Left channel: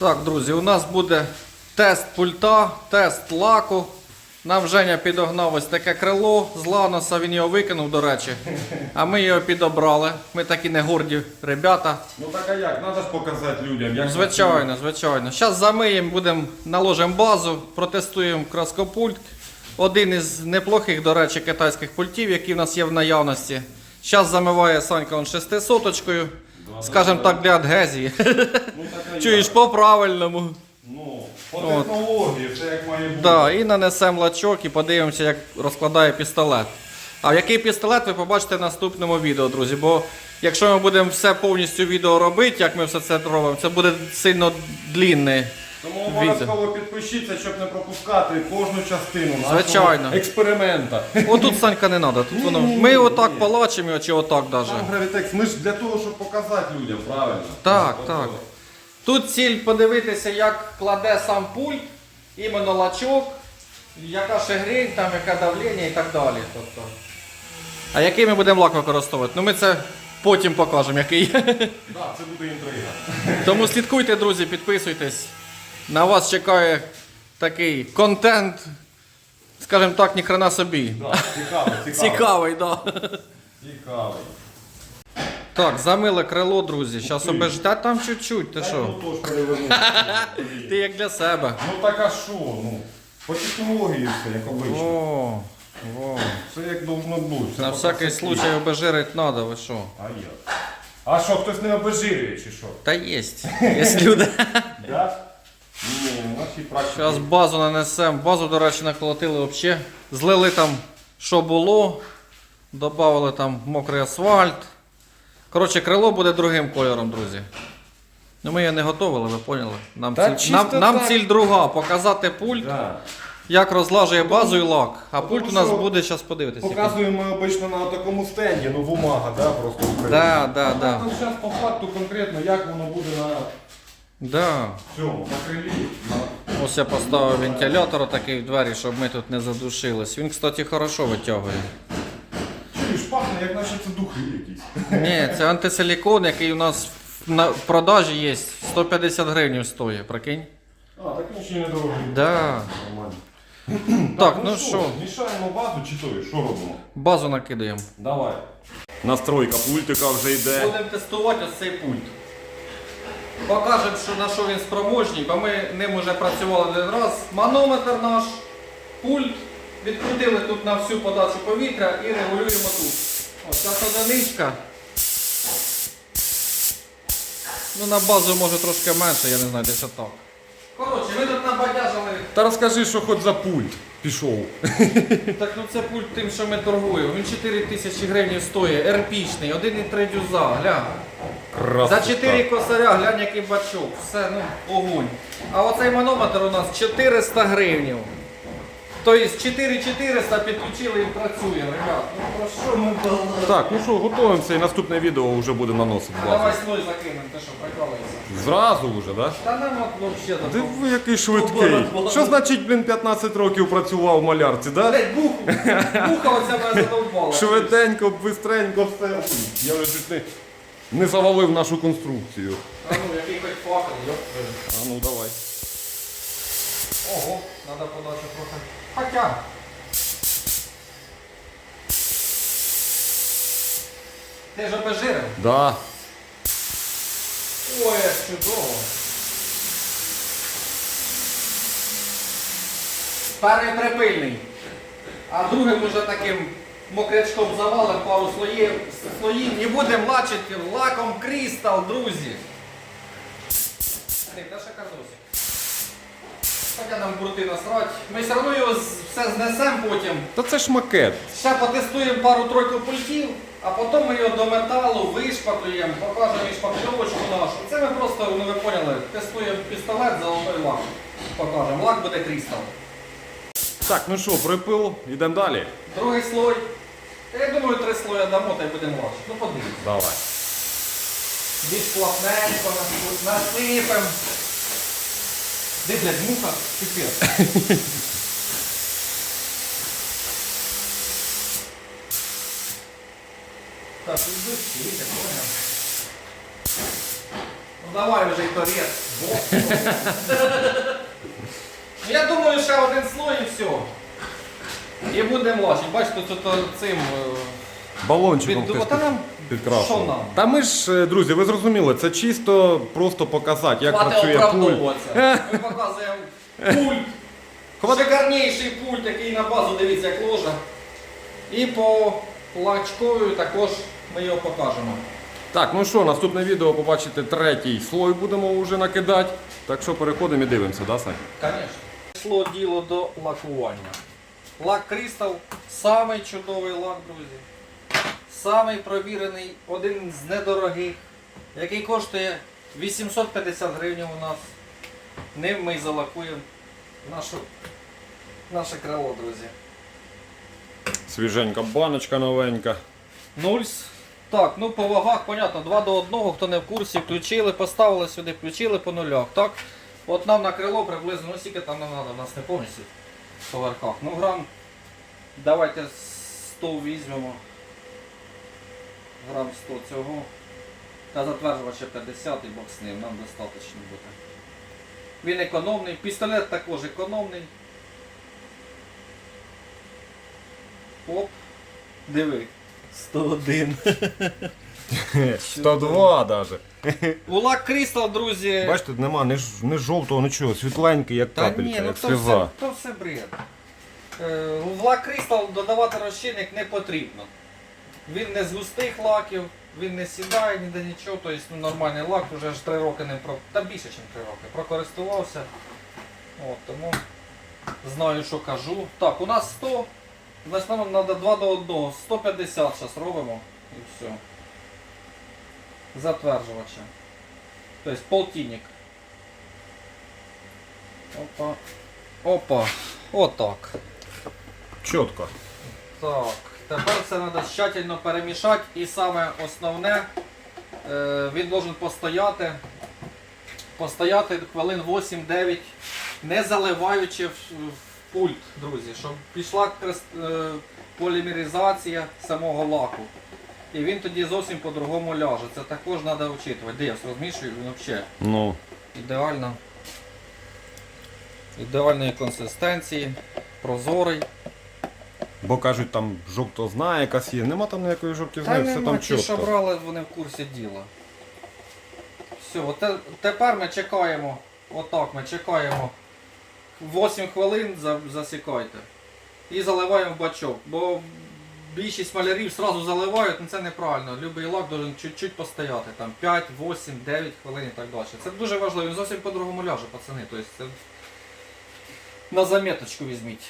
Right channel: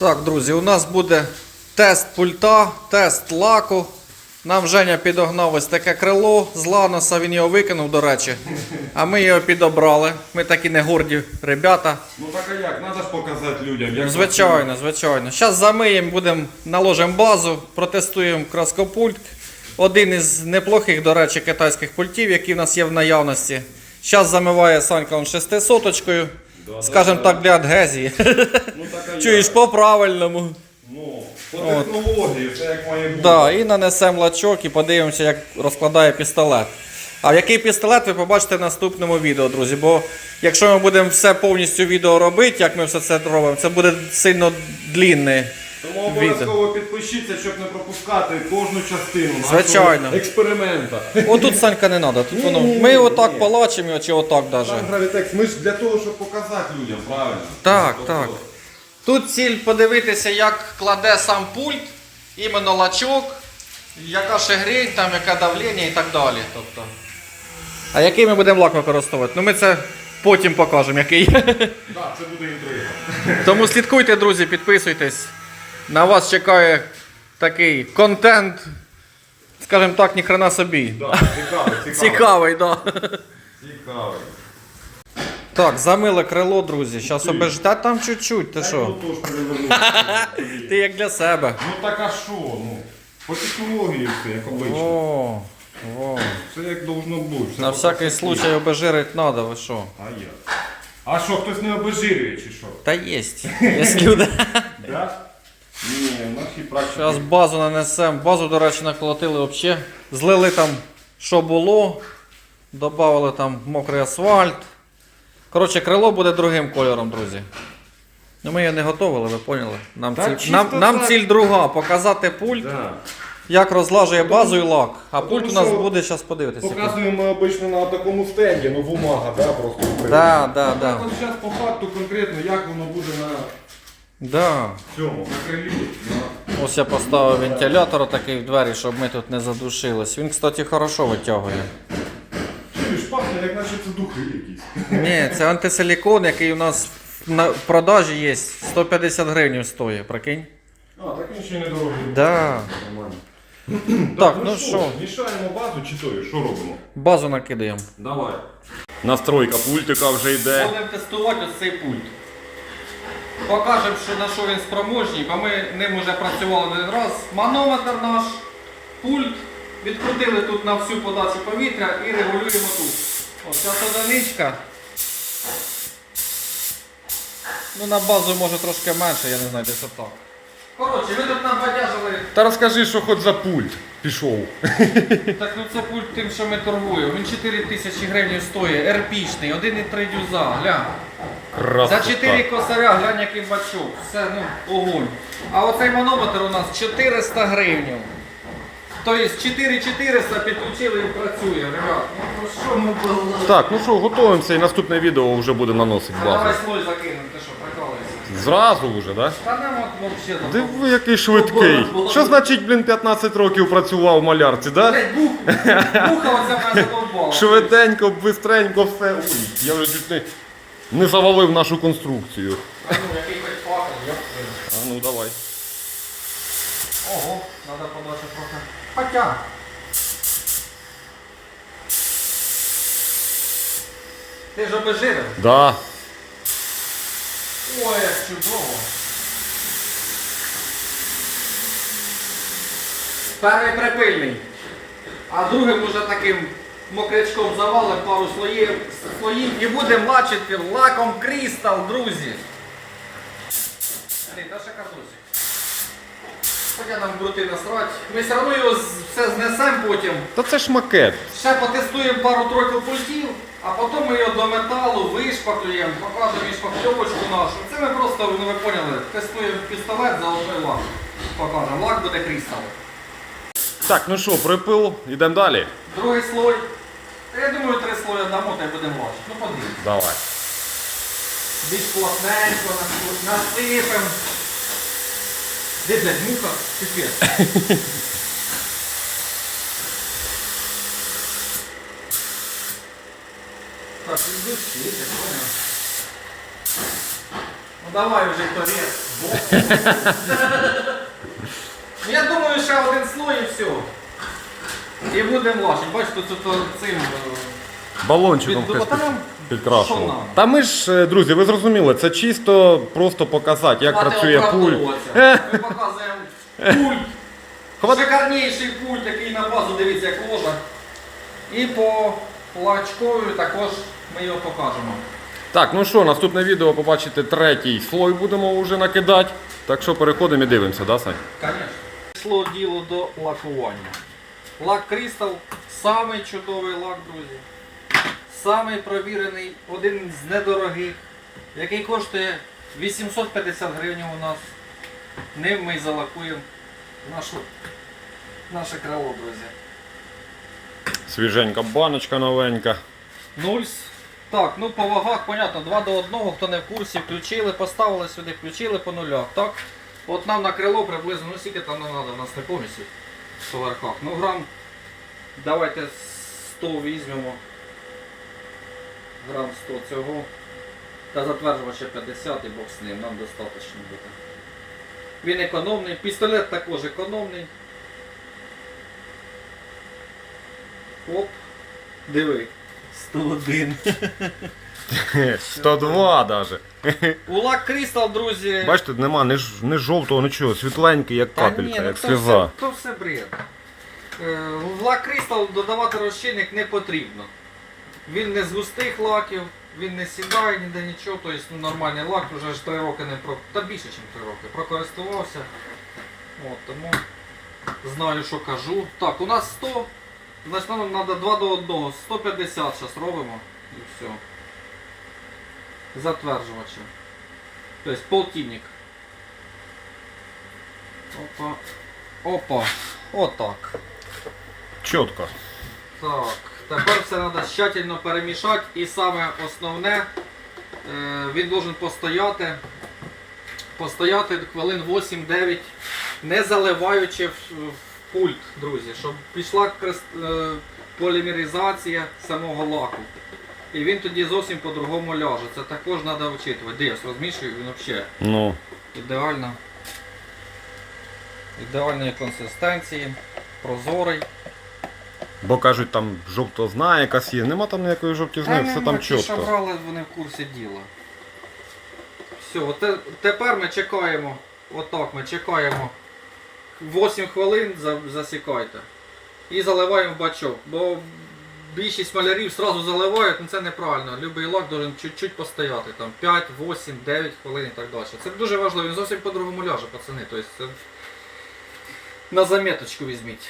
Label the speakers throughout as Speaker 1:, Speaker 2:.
Speaker 1: Так, друзі, у нас буде тест пульта, тест лаку. Нам Женя підогнав ось таке крило з ланоса, він його викинув, до речі. А ми його підобрали. Ми такі не горді ребята.
Speaker 2: Ну так а як? Надо ж показати людям. Як
Speaker 1: Звичайно, звичайно. Зараз замиємо, будемо наложимо базу, протестуємо краскопульт. Один із неплохих, до речі, китайських пультів, які в нас є в наявності. Зараз замиває Санька он шестисоточкою. Скажем так, для адгезії.
Speaker 2: Ну так як?
Speaker 1: Чуєш по-правильному.
Speaker 2: Ну, по
Speaker 1: От.
Speaker 2: технології, все як має бути.
Speaker 1: Да, і нанесемо лачок і подивимося, як розкладає пістолет. А який пістолет ви побачите в наступному відео, друзі. Бо якщо ми будемо все повністю відео робити, як ми все це робимо, це буде сильно длінне.
Speaker 2: Тому обов'язково підпишіться, щоб не пропускати кожну частину
Speaker 1: Звичайно.
Speaker 2: експеримента.
Speaker 1: Отут Санька не треба. Тут воно.
Speaker 2: Ні-ні-ні,
Speaker 1: Ми отак
Speaker 2: ні.
Speaker 1: палачимо, чи отак навіть.
Speaker 2: Там гравітекс, ми ж для того, щоб показати людям, правильно?
Speaker 1: Так,
Speaker 2: Тобто,
Speaker 1: так. Тут ціль подивитися, як кладе сам пульт, іменно лачок, яка шегрень, там, яке давлення і так далі. Тобто. А який ми будемо лак використовувати? Ну ми це потім покажемо, який.
Speaker 2: Так, це буде інтрига.
Speaker 1: Тому слідкуйте, друзі, підписуйтесь. На вас чекає такий контент, скажімо так, ні хрена собі.
Speaker 2: Да, цікавий, цікавий.
Speaker 1: Цікавий. Да.
Speaker 2: Цікавий.
Speaker 1: Так, замиле крило, друзі. Зараз обежте там чуть-чуть, ти що?
Speaker 2: Ну, то ж перевернути.
Speaker 1: Ти як для себе.
Speaker 2: Ну так а що? Ну, по технології все, як обично.
Speaker 1: О, о.
Speaker 2: Все як должно бути. все
Speaker 1: На
Speaker 2: по
Speaker 1: всякий
Speaker 2: красоті.
Speaker 1: случай обезжирить треба, ви що?
Speaker 2: А як? А що, хтось не обезжирює чи що?
Speaker 1: Та єсть. Є люди.
Speaker 2: Да? Ні, практиці.
Speaker 1: Зараз базу нанесемо. Базу, до речі, наколотили взагалі. Злили там, що було. Добавили там мокрий асфальт. Коротше, крило буде другим кольором, друзі. Ну ми його не готували, ви поняли? Нам,
Speaker 2: Та
Speaker 1: ціль,
Speaker 2: чисто
Speaker 1: нам, нам
Speaker 2: так.
Speaker 1: ціль друга показати пульт,
Speaker 2: Да.
Speaker 1: як розлажує базу і лак. А
Speaker 2: Тому
Speaker 1: пульт у нас
Speaker 2: що
Speaker 1: буде, зараз подивитися.
Speaker 2: Показуємо ми обично на такому стенді, ну бумага, да, просто.
Speaker 1: Да, да, да.
Speaker 2: Зараз по факту конкретно, як воно буде на
Speaker 1: Да. Ось я поставив вентилятор такий в двері, щоб ми тут не задушились. Він, кстати, хорошо витягує.
Speaker 2: Чуєш, пахне, як наче це духи якісь.
Speaker 1: Ні, це антисилікон, який у нас на продажі є. 150 гривень стоїть, прикинь.
Speaker 2: А, так він ще й не дорогий.
Speaker 1: Да.
Speaker 2: Нормально.
Speaker 1: Так, ну що,
Speaker 2: Мішаємо базу чи то, що робимо?
Speaker 1: базу накидаємо.
Speaker 2: Давай. Настройка пультика вже йде.
Speaker 1: Будемо тестувати ось цей пульт. Покажемо, що на що він спроможний, бо ми ним вже працювали не раз. Манометр наш, пульт. Відкрутили тут на всю подачу повітря і регулюємо тут. Ось ця одиничка. Ну на базу може трошки менше, я не знаю, десь отак. Коротше, ми тут набадяжили.
Speaker 2: Та розкажи, що хоч за пульт пішов.
Speaker 1: Так ну це пульт тим, що ми торгуємо. Він 4 тисячі гривень стоїть, ерпічний, 1,3 дюза, глянь. За 4 косаря, глянь, який бачок. Все, ну, огонь. А оцей манометр у нас 400 гривень. Тобто 4400 підключили і працює, ребят. Ну то що ми балакаємо?
Speaker 2: Так, ну що, готуємося і наступне відео вже буде наносити
Speaker 1: Давай
Speaker 2: базу.
Speaker 1: слой закинемо, ти що, прикалуєшся?
Speaker 2: Зразу вже, так?
Speaker 1: Та нема взагалі.
Speaker 2: Диви, який швидкий. Що значить, блін, 15 років працював в малярці, да?
Speaker 1: Блять, бух, буха оця мене задовбала.
Speaker 2: Швиденько, бистренько все. Ой, Я вже чуть не, не завалив нашу конструкцію.
Speaker 1: А ну, який хоч факел, йоп.
Speaker 2: А ну давай.
Speaker 1: Ого, треба подати трохи. Хотя. Ти ж обезжирив?
Speaker 2: Да.
Speaker 1: Ой, як чудово. Перший припильний, а другим уже таким мокрячком завалим пару слоїв, слоїв і будемо лачити лаком крістал, друзі. Та ще казусь. Хоча нам брути насрать. Ми все одно його все знесемо потім.
Speaker 2: Та це ж макет.
Speaker 1: Ще потестуємо пару-тройку пультів, а потім ми його до металу вишпаклюємо, покажемо і шпакльовочку нашу. Це ми просто, ну ви поняли, тестуємо пістолет, золотой лак. Покажемо. Лак буде крістал.
Speaker 2: Так, ну що, припил, йдемо далі.
Speaker 1: Другий слой. Та Я думаю, три слої дамо та й будемо бачити. Ну подивіться.
Speaker 2: Давай.
Speaker 1: Більш плотненько насипемо. Де, блядь, муха? Піпець. Так, іди, іди, Ну давай вже торец. Я думаю, ще один слой і все. І будемо лачити. Бачите, тут, цим.
Speaker 2: Балончиком
Speaker 1: Під-
Speaker 2: хтось
Speaker 1: та
Speaker 2: під,
Speaker 1: що
Speaker 2: підкрашував.
Speaker 1: нам?
Speaker 2: Та ми ж, е, друзі, ви зрозуміли, це чисто просто показати, як працює пульт.
Speaker 1: оправдовуватися. Ми показуємо пульт.
Speaker 2: Хватить.
Speaker 1: Шикарніший пульт, який на базу, дивіться, як ложа. І по лачкові також ми його покажемо.
Speaker 2: Так, ну що, наступне відео побачите третій слой будемо вже накидати. Так що переходимо і дивимося, да, Сань?
Speaker 1: Звісно. Йшло діло до лакування. Лак Crystal самий чудовий лак, друзі. Самий провірений, один з недорогих, який коштує 850 гривень у нас. Ним ми й залакуємо нашу, наше крило, друзі.
Speaker 2: Свіженька баночка новенька.
Speaker 1: Нульс. Так, ну по вагах, понятно, 2 до 1, хто не в курсі, включили, поставили сюди, включили по нулях. Так? От нам на крило приблизно, ну скільки там не треба, у нас не повністю по верхах. Ну грам, давайте 100 візьмемо. Грам 100 цього. Та затверджувача 50 і бог з ним, нам достатньо буде. Він економний, пістолет також економний. Оп, диви. 101.
Speaker 2: 102 даже.
Speaker 1: Улак Крістал, друзі.
Speaker 2: Бачите, нема ні, ж- ні жовтого, нічого, світленький, як
Speaker 1: Та
Speaker 2: капелька,
Speaker 1: ну
Speaker 2: як
Speaker 1: то
Speaker 2: сльоза.
Speaker 1: Все, то все бред. Е, В Крістал додавати розчинник не потрібно. Він не з густих лаків, він не сідає ніде нічого, тобто ну, нормальний лак вже ж 3 роки не про. Та більше, ніж 3 роки. Прокористувався. От, тому знаю, що кажу. Так, у нас 100, значить нам треба 2 до 1. 150 зараз робимо і все. Затверджувача. Тобто полтинник. Опа. Опа. Отак.
Speaker 2: Чітко.
Speaker 1: Так. Тепер все треба тщательно перемішати і саме основне, е, він должен постояти. Постояти хвилин 8-9, не заливаючи в, пульт, друзі, щоб пішла е, полімеризація самого лаку. І він тоді зовсім по-другому ляже. Це також треба вчитувати. Де я розмішую, він взагалі
Speaker 2: Ну,
Speaker 1: ідеально. Ідеальної консистенції, прозорий.
Speaker 2: Бо кажуть, там жовтозна якась є. Нема там ніякої жовтізни, все там
Speaker 1: ті, що брали, вони в курсі діла. Все, те- тепер ми чекаємо, отак ми чекаємо 8 хвилин засікайте. І заливаємо в бачок. Бо більшість малярів одразу заливають, ну це неправильно. Любий лак должен чуть-чуть постояти. Там 5, 8, 9 хвилин і так далі. Це дуже важливо, він зовсім по-другому ляже, пацани. Тобто це на заметочку візьміть.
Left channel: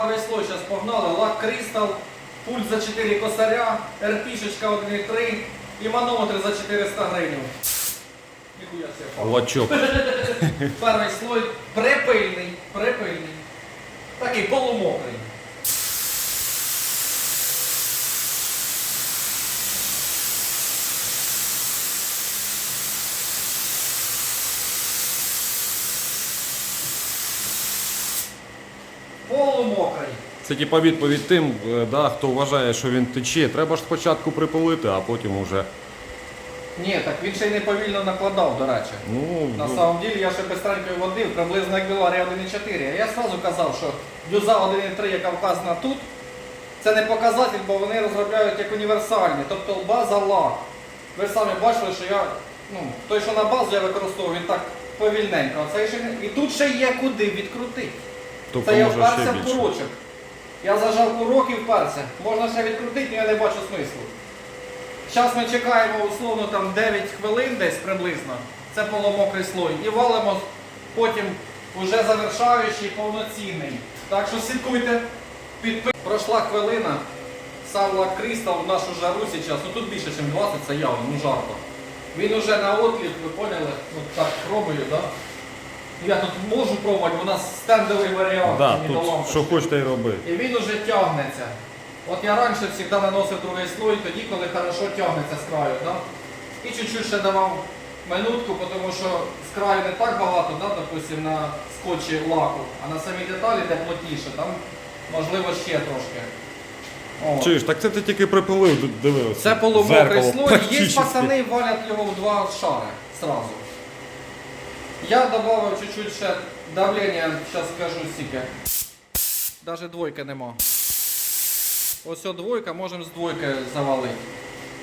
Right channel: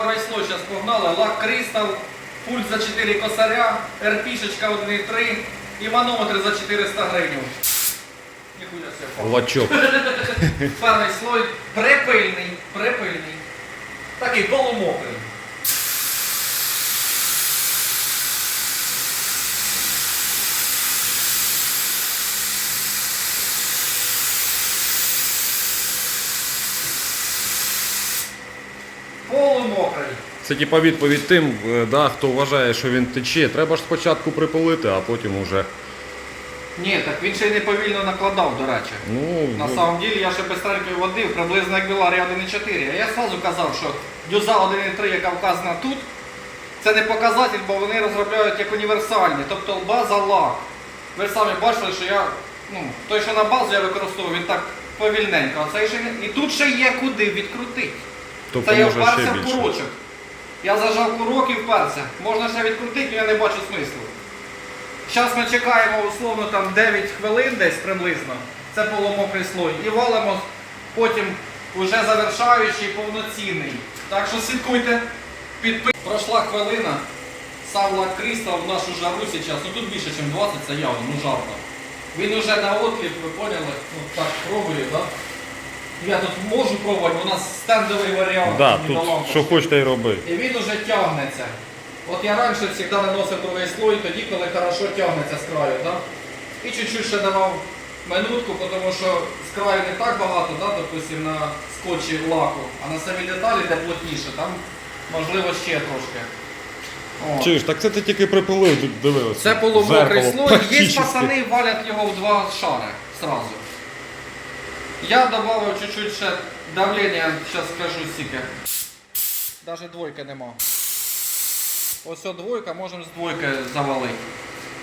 Speaker 1: Весло зараз погнали, лак кристал, пульт за 4 косаря, РПшечка 1,3 і манометр за 400 гривень. Ніхуя себе.
Speaker 2: Лачок.
Speaker 1: Перший слой припильний, припильний. Такий полумокрий. Полумокрий.
Speaker 2: Це типа відповідь тим, е, да, хто вважає, що він тече. Треба ж спочатку припилити, а потім уже.
Speaker 1: Ні, так він ще й не повільно накладав, до речі.
Speaker 2: Ну,
Speaker 1: На
Speaker 2: ну,
Speaker 1: самом деле я ще безстрельною водив, приблизно як Біларія 1.4. А я одразу казав, що дюза 1.3, яка вказана тут, це не показатель, бо вони розробляють як універсальні, тобто база лак. Ви самі бачили, що я, ну, той, що на базу я використовую, він так повільненько. А цей ще не... І тут ще є куди відкрутити.
Speaker 2: Тобто
Speaker 1: Це я
Speaker 2: ще
Speaker 1: вперся в
Speaker 2: більше.
Speaker 1: курочок. Я зажав курок і вперся. Можна ще відкрутити, але я не бачу смислу. Зараз ми чекаємо условно там 9 хвилин десь приблизно. Це полумокрий слой. І валимо потім вже завершаючий повноцінний. Так що слідкуйте. Підпи... Пройшла хвилина. Сам лак Крістал в нашу жару зараз. Ну тут більше, ніж 20, це явно, ну жарко. Він уже на отліп, ви поняли? Ну так пробую, так? Да? Я тут можу пробувати, у нас стендовий варіант.
Speaker 2: Да, тут що хочете й роби.
Speaker 1: І він уже тягнеться. От я раніше завжди наносив другий слой, тоді, коли хорошо тягнеться з краю. Да? І чуть-чуть ще давав минутку, тому що з краю не так багато, да, допустим, на скотчі лаку, а на самій деталі, де плотніше, там можливо ще трошки. О.
Speaker 2: Чуєш, так це ти тільки припилив, дивилися.
Speaker 1: Це полумокрий слой. Є пацани валять його в два шари сразу. Я додав чуть-чуть ще давлення, зараз скажу скільки. Навіть двойки нема. Ось двойка, можемо з двойки завалити.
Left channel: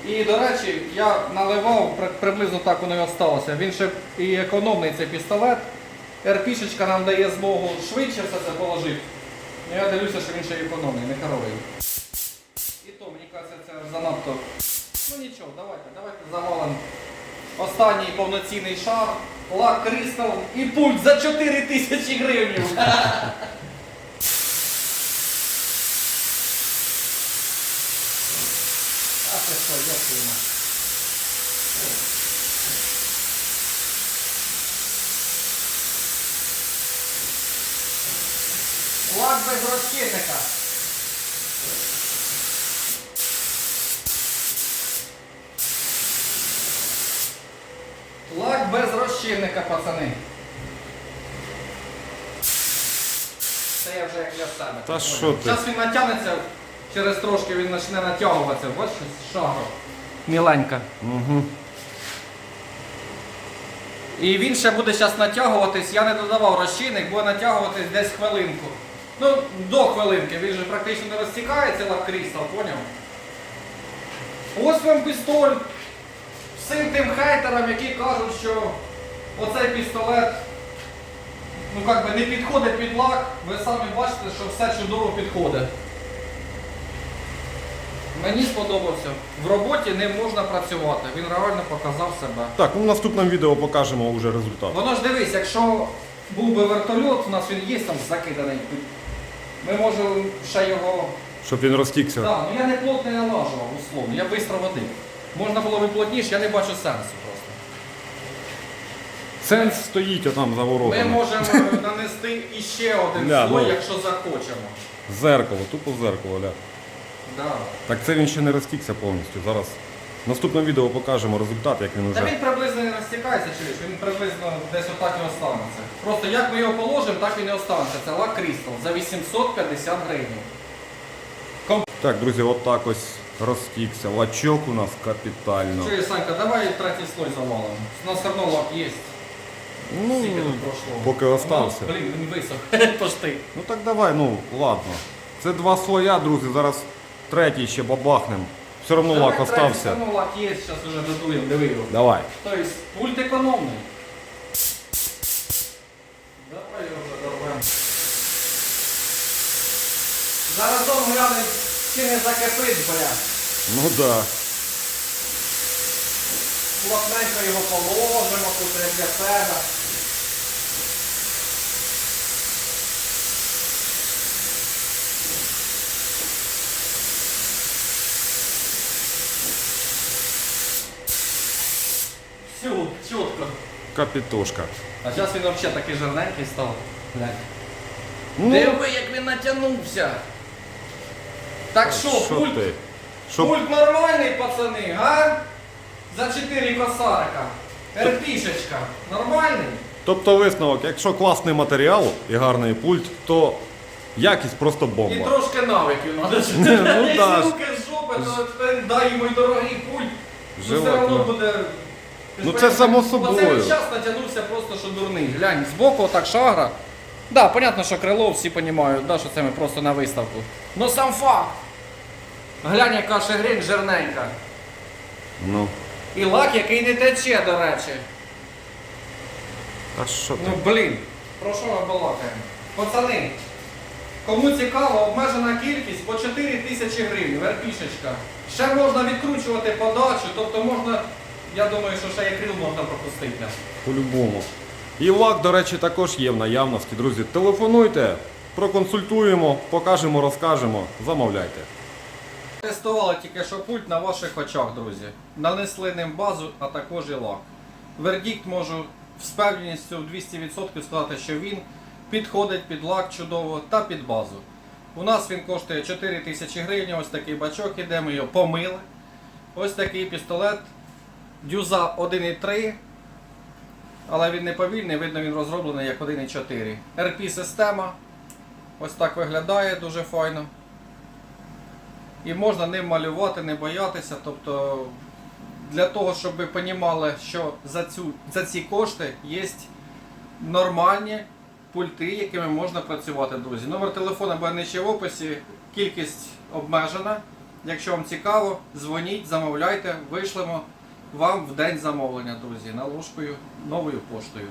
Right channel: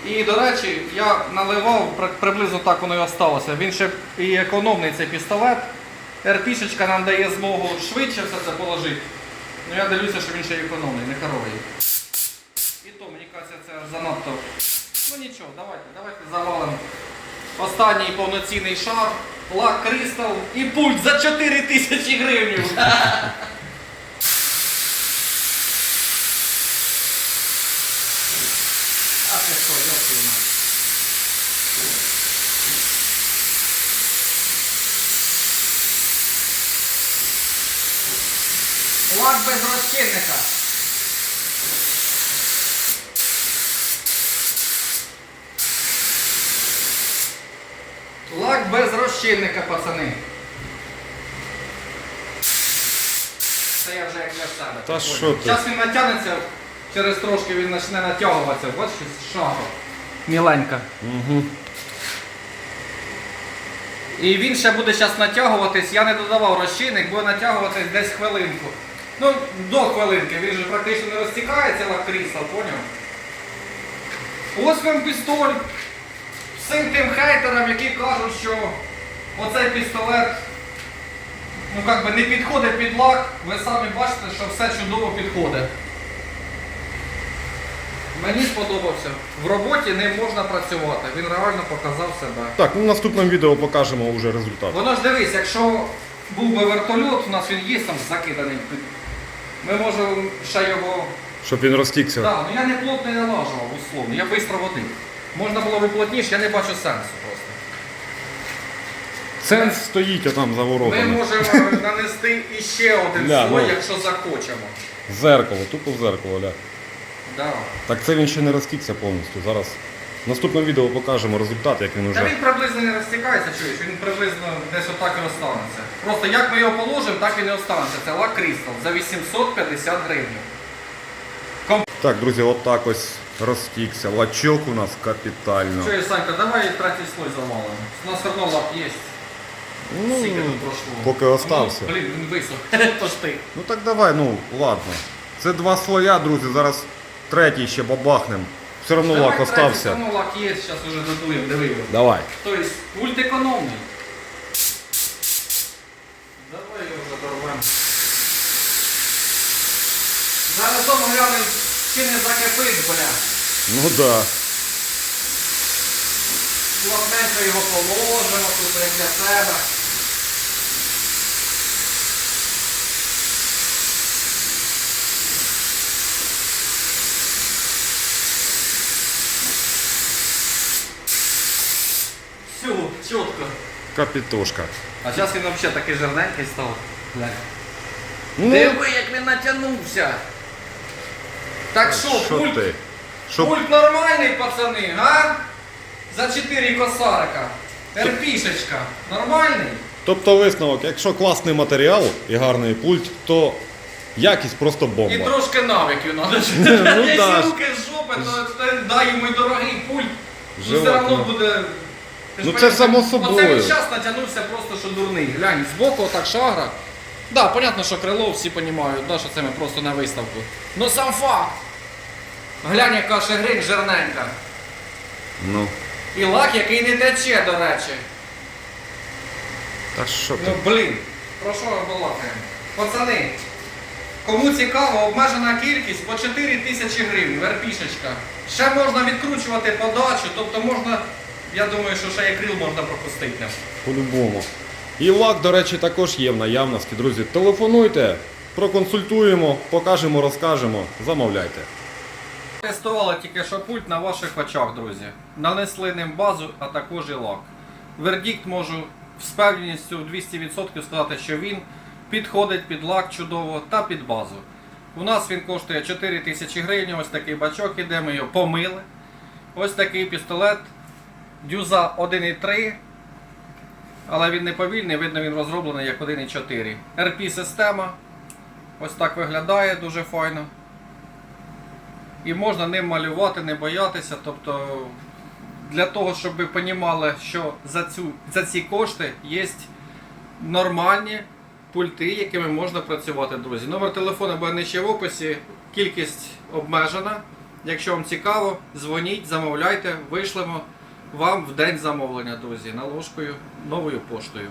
Speaker 1: І, до речі, я наливав, приблизно так воно і осталося. Він ще і економний цей пістолет. РПшечка нам дає змогу швидше все це положити. Ну я дивлюся, що він ще економний, не коровий. І то, мені кажеться, це занадто. Ну нічого, давайте, давайте завалимо. Останній повноцінний шар, лак кристал і пульт за 4 тисячі гривень. А ти що, йопки мать. Лак без розчинника. Лак без розчинника, пацани. Це я вже як для себе.
Speaker 2: Та що ти?
Speaker 1: Зараз він натягнеться, через трошки він почне натягуватися. Ось щось шагу. Міленька.
Speaker 2: Угу.
Speaker 1: І він ще буде зараз натягуватись. Я не додавав розчинник, буде натягуватись десь хвилинку. Ну, до хвилинки, він же практично не розтікається лак крісла, поняв? Ось вам пістоль. Всім тим хейтерам, які кажуть, що оцей пістолет ну, как би, не підходить під лак, ви самі бачите, що все чудово підходить. Мені сподобався. В роботі ним можна працювати. Він реально показав себе.
Speaker 2: Так, ну в наступному відео покажемо вже результат.
Speaker 1: Воно ж дивись, якщо був би вертольот, у нас він є там закиданий. Ми можемо ще його.
Speaker 2: Щоб він розтікся.
Speaker 1: Так, ну я не плотно не налажував, условно, я швидко водив. Можна було би плотніше, я не бачу сенсу просто.
Speaker 2: Сенс стоїть отам за
Speaker 1: Ми
Speaker 2: воротами.
Speaker 1: можемо нанести іще один
Speaker 2: Ля,
Speaker 1: слой,
Speaker 2: ну.
Speaker 1: якщо захочемо.
Speaker 2: Зеркало, тупо в зеркало, ля.
Speaker 1: Да.
Speaker 2: Так це він ще не розтікся повністю. Зараз в наступному відео покажемо результат, як він
Speaker 1: Та
Speaker 2: уже.
Speaker 1: він приблизно не розтікається, чуєш, він приблизно десь отак і останеться. Просто як ми його положимо, так він і останеться. Це лак Крістал за 850 гривень.
Speaker 2: Так, друзі, от так ось розтікся. Лачок у нас капітально.
Speaker 1: Чуєш, Санька, давай третій слой завалимо. У нас все одно лак є.
Speaker 2: Ну,
Speaker 1: Скільки тут пройшло?
Speaker 2: поки остався.
Speaker 1: Ну, блін, він висох. Тож ти.
Speaker 2: ну так давай, ну ладно. Це два слоя, друзі. Зараз третій ще бабахнем. Все одно лак остався.
Speaker 1: Все одно лак є, зараз вже додуємо, диви його.
Speaker 2: Давай.
Speaker 1: Тобто пульт економний. Давай його задорвемо. Зараз дома глянемо, чи не закипить, бля.
Speaker 2: Ну да.
Speaker 1: Плотненько його положимо тут як для себе. Всю, чітко.
Speaker 2: Капітошка.
Speaker 1: А зараз він взагалі такий жирненький став. Глянь.
Speaker 2: Ну,
Speaker 1: Диви, як він натягнувся. Так що,
Speaker 2: що
Speaker 1: пульт,
Speaker 2: ти?
Speaker 1: Пульт нормальний, пацани, га? За 4 косарика. Терпішечка. Нормальний?
Speaker 2: Тобто висновок, якщо класний матеріал і гарний пульт, то якість просто
Speaker 1: І
Speaker 2: бомба.
Speaker 1: трошки навиків треба.
Speaker 2: Ну,
Speaker 1: Якщо руки з жопи, то то дай йому й дорогий пульт. Ну, все
Speaker 2: Желательно.
Speaker 1: одно буде. Ти ж
Speaker 2: Ну, це само
Speaker 1: Оце він час натягнувся просто що дурний. Глянь, збоку отак шагра. Да, понятно, що крило всі розуміють, да, що це ми просто на виставку. Ну сам факт. Глянь, яка шагрень жирненька.
Speaker 2: Ну,
Speaker 1: І лак, який не тече, до речі.
Speaker 2: та що ти?
Speaker 1: Ну блін, про що ми балакаємо? Пацани, кому цікаво, обмежена кількість по 4 тисячі гривень, верпішечка. Ще можна відкручувати подачу, тобто можна, я думаю, що ще і крил можна пропустити.
Speaker 2: По-любому. І лак, до речі, також є в наявності, друзі. Телефонуйте, проконсультуємо, покажемо, розкажемо, замовляйте.
Speaker 1: Тестували тільки що пульт на ваших очах, друзі. Нанесли ним базу, а також і лак. Вердикт можу з певністю в 200% сказати, що він підходить під лак чудово та під базу. У нас він коштує 4 тисячі гривень, ось такий бачок іде, ми його помили. Ось такий пістолет. Дюза 1,3. Але він не повільний, видно, він розроблений як 1,4. RP система. Ось так виглядає дуже файно. І можна ним малювати, не боятися. Тобто для того, щоб ви розуміли, що за, цю, за ці кошти є нормальні пульти, якими можна працювати, друзі. Номер телефону буде нижче в описі, кількість обмежена. Якщо вам цікаво, дзвоніть, замовляйте, вишлемо вам в день замовлення, друзі, наложкою новою поштою.